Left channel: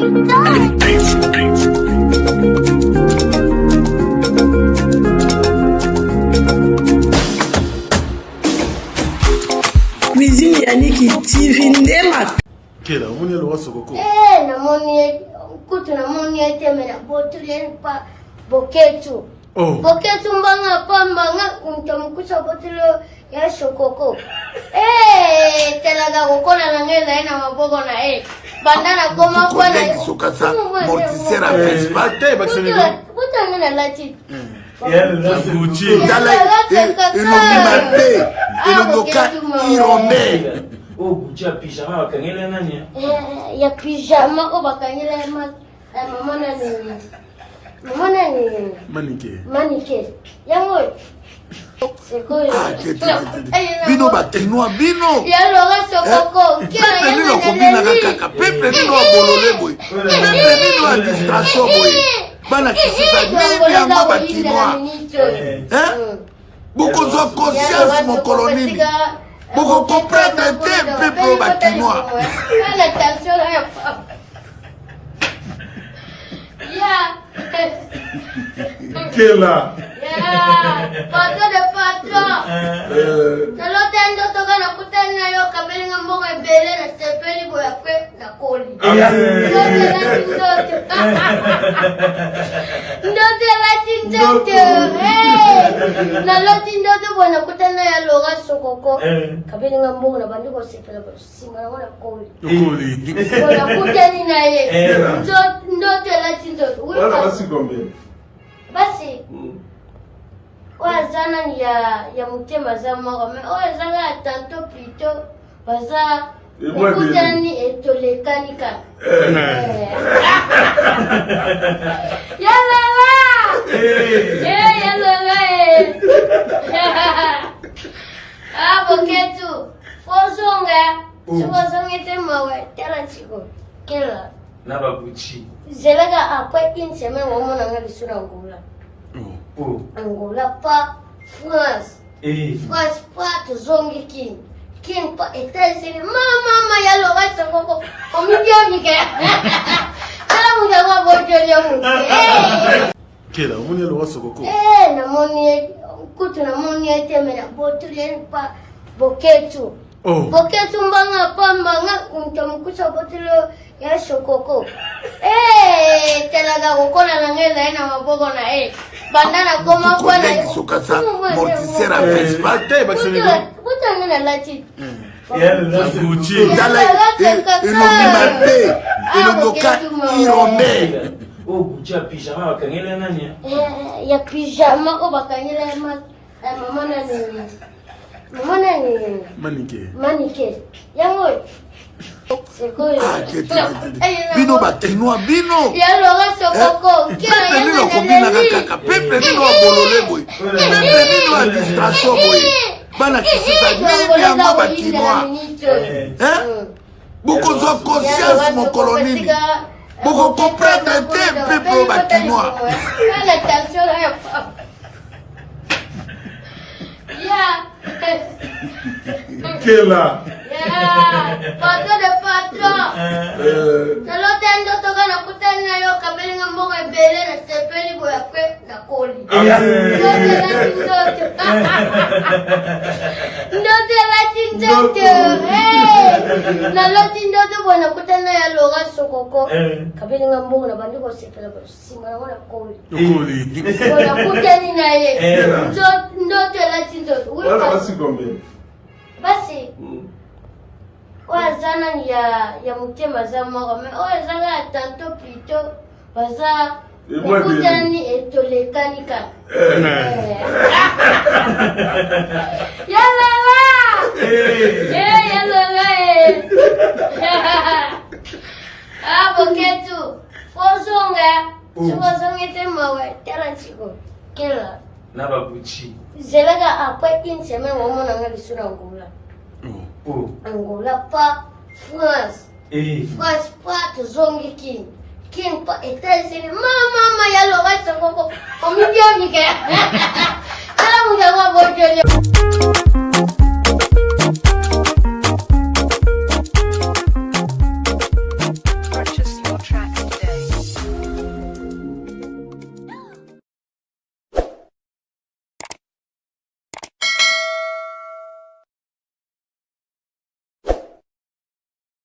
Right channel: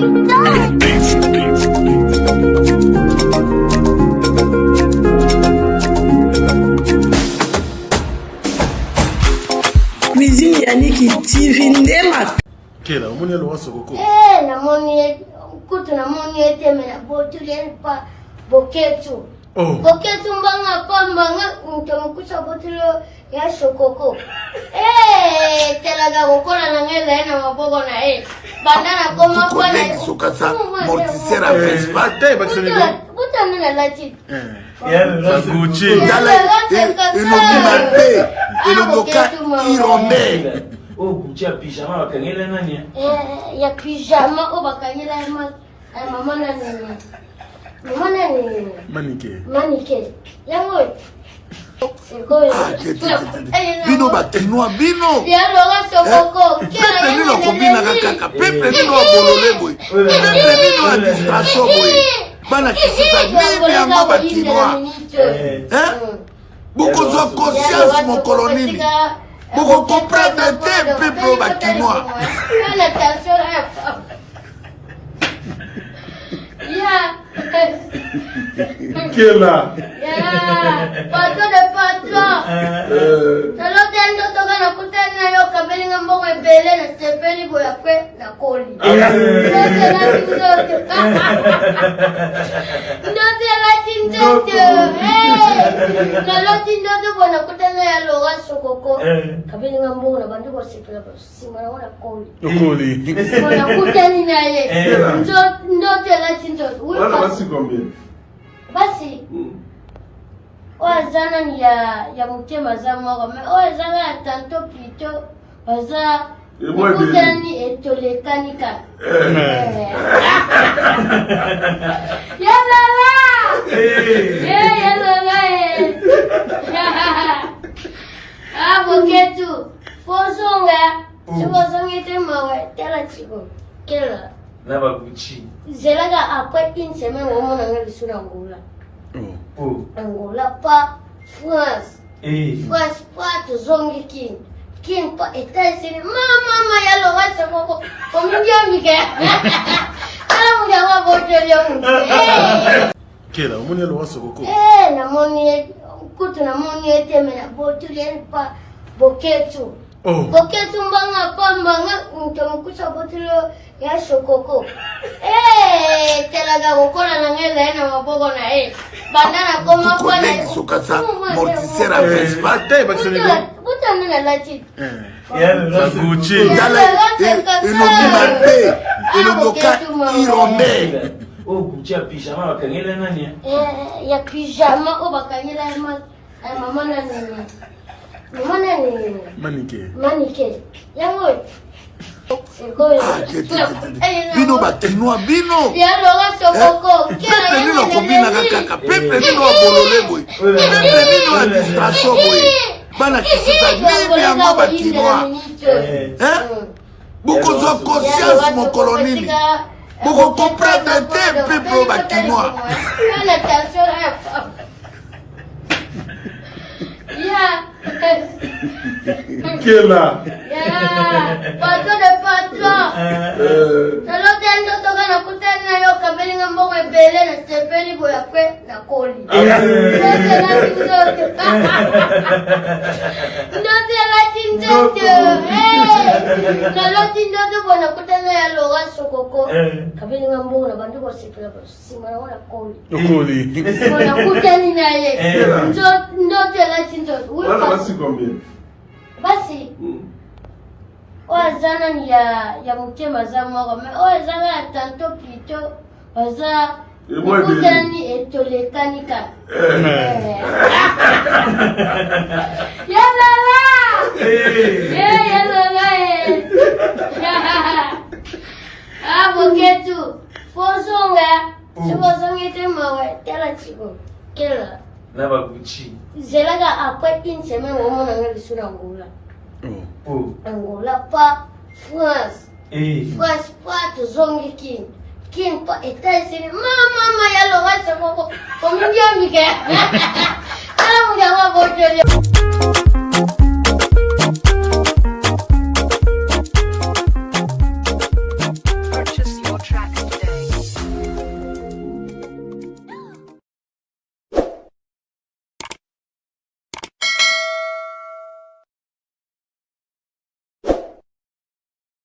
Cuisine Yannick TV Ndema. Nkela, omoni Laurent Sococo. Namoni kutu namoni etemela botule pa Boketshou. Boketshou mbanga pambanga umtomukusa botule ya Sococo. Telaga gokona na ngela ina maboko na bandana koma kwa collègue sokasa mortisser à Vespa te bakisoneko. Botana na lati. Gucci. Dala elongi Mabe, elongoka irondé. Oh, Gucci a pyjama bakanyela nani? Ya pyjama o bakanyela mama nani. Mama nani? Manike. Yango. Bino bakinoa bino. Ya Laurent Sococo. Pepe nino kombina kaka. Pepe nino abolole boy. Pepe nino a distraction boy. Bana kisisa nini yango bakinoa. Boko zo conscience mon colonini. Boko comprendre te peuple bakinoa. Nkela. Patron de patron. Solo tendo toka na kutana yo kabeli ngambo ebele na tepeli boya kwe na koli. Ndote la tindote. Na lo tindote bona kutana ya Laurent Sococo. Kabeli ngambo na bandi ko sikela ko simana wala koli. Okoli. Na kutani na ye. Ndote la tindote. Wala basi combien? Basi. Oazana ya mutema za moko mais oazana tanto plutôt baza mutani etolekani ka. Ya mama. Ya mama. Ah Boketshou. Fozonga. Sibozonga te mawe tela chiko. Kela. Na ba Gucci. Zelaga après une semaine on a ngali sura Angola. Angola pas France. France pas to zongi king pas États-Unis. Mama ya Laurent Sococo. Omingia mike. Ala munga mabojo. Nkela, omoni Laurent Sococo. Namoni kutu namoni etemela botule pa Boketshou. Boketshou mbanga pambanga umtomukusa botule ya Sococo. Telaga gokona na ngela ina maboko na bandana koma kwa collègue sokasa mortisser à Vespa te bakisoneko. Botana na lati. Gucci. Dala elongi Mabe, elongoka irondé. Oh, Gucci a pyjama bakanyela nani? Ya pyjama o bakanyela mama nani. Mama nani? Manike. Yango. Bino bakinoa bino. Ya Laurent Sococo. Pepe nino kombina kaka. Pepe nino abolole boy. Pepe nino a distraction boy. Bana kisisa nini yango bakinoa. Boko zo conscience mon colonini. Boko comprendre te peuple bakinoa. Nkela. Patron de patron. Solo tendo toka na kutana yo kabeli ngambo ebele na tepeli boya kwe na koli. Ndote la tindote. Na lo tindote bona kutana ya Laurent Sococo. Kabeli ngambo na bandi ko sikela ko simana wala koli. Okoli. Na kutani na ye. Ndote la tindote. Wala basi combien? Basi. Oazana ya mutema za moko mais oazana tanto plutôt baza mutani etolekani ka. Ya mama. Ya mama. Ah Boketshou. Fozonga. Sibozonga te mawe tela chiko. Kela. Na ba Gucci. Zelaga après une semaine on a ngali sura Angola. Angola pas France. France pas to zongi king pas États-Unis. Mama ya Laurent Sococo. Omingia mike. Ala munga mabojo.